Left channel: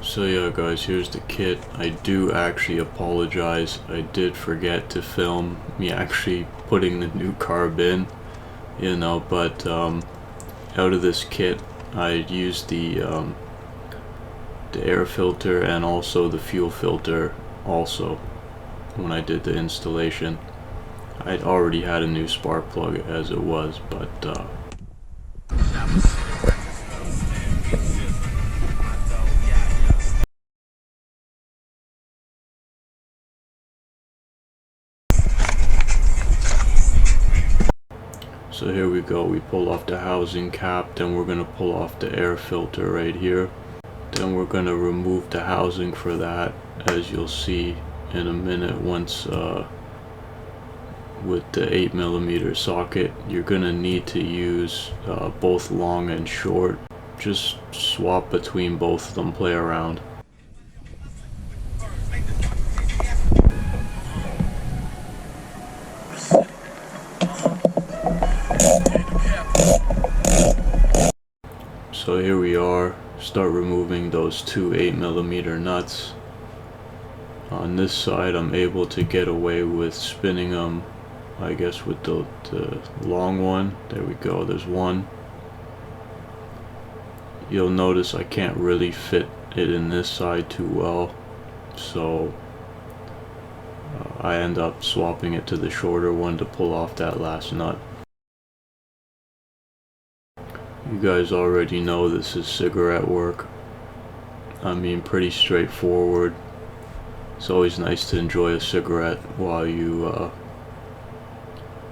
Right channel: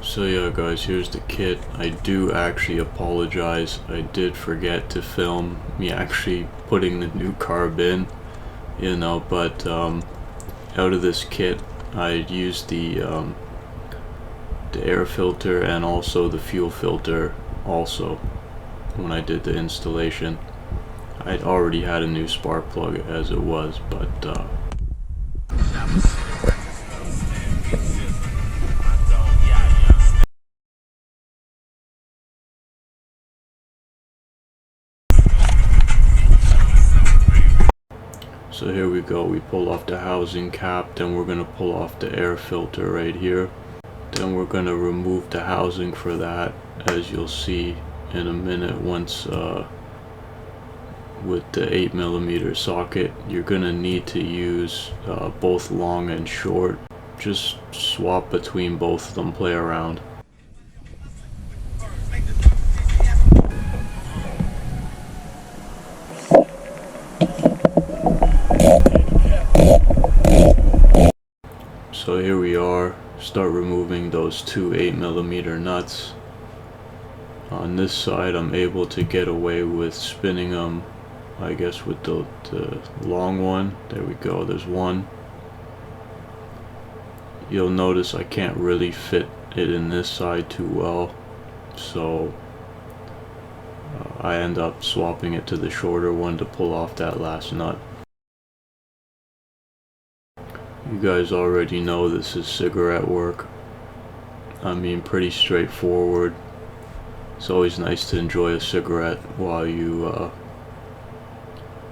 So yeah guys, here's the kit. I do actually apologize. I did forget to film me actually putting the new carb in, you know, but out of this kit I used the air filter and also the fuel filter also when I did the installation. I'd already had a new spark plug as it was, but so here we go. We pull off the housing cap, then we're gonna pull off the air filter right here. Then we're gonna remove the housing for that, as you'll see in a minute. Once with the 8mm socket, you're gonna need to use both long and short. Just swap between both of them, play around. So here we are, start removing those two 8mm nuts. On this side I'm able to get away with spinning them, I guess, with the long one. There we go, there's one. You'll notice I can't really fit it in this side too well, so I end up swapping it to the shorter one to pull off that last nut. You guys already know this is cigarette work. I mean, pretty straightforward. It's always nice to enjoy a cigarette while you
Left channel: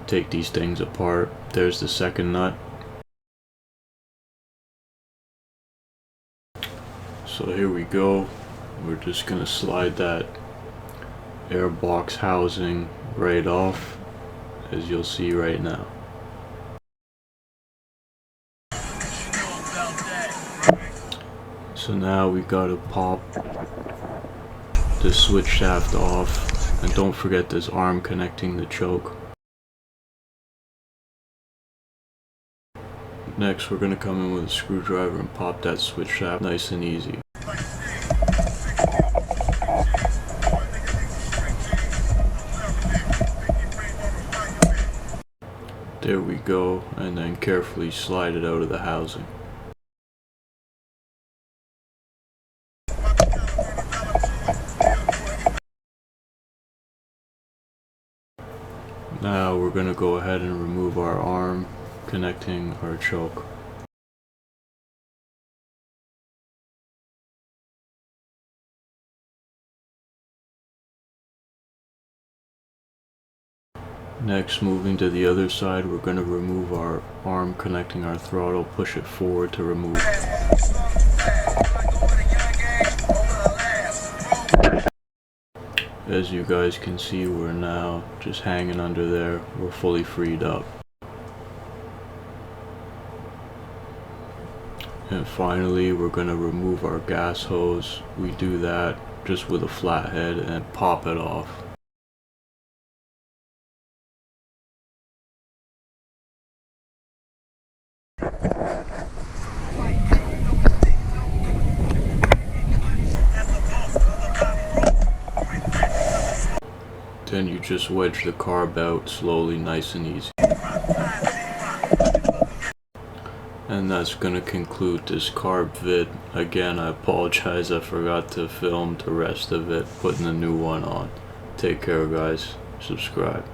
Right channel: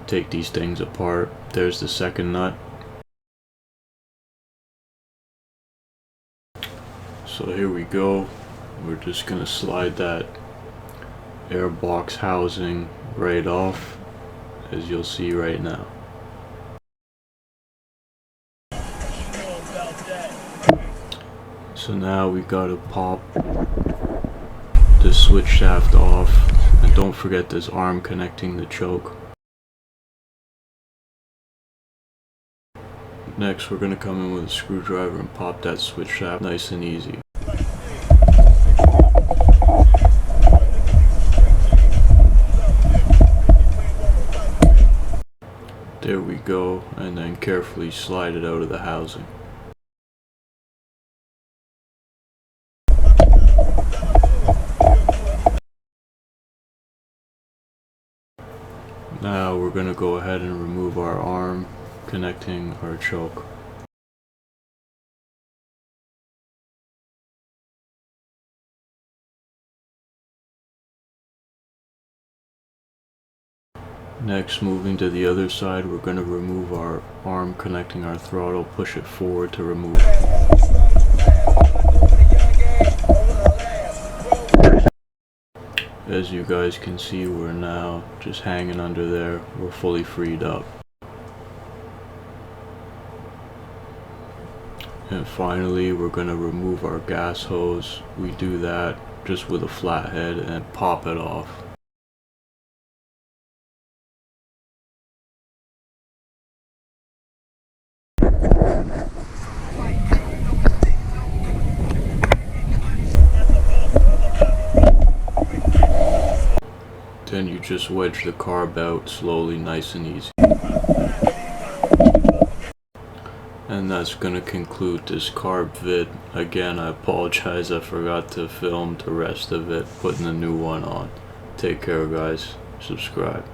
take these things apart. There's the second nut. So here we go. We're just gonna slide that air box housing right off, as you'll see right now. So now we gotta pop this switch shaft off, and don't forget this arm connecting the choke. Next we're gonna come in with a screwdriver and pop that switch shaft nice and easy. There we go, and then carefully slide it out of the housing. Now we're going to go ahead and remove our arm connecting our choke. Next, moving to the other side, we're going to remove our arm connecting our throttle, push it forward to remove. As you guys can see, we're now just hanging under there. We're fully freed up. And finally, we're going to remove our gas hose. We do that just with a flathead and pop it off. Then you just wedge the carb out slowly, nice and easy. And that's gonna conclude this carb vid. Again, I apologize, I forgot to film the rest of it, putting the new one on. Take care guys, subscribe.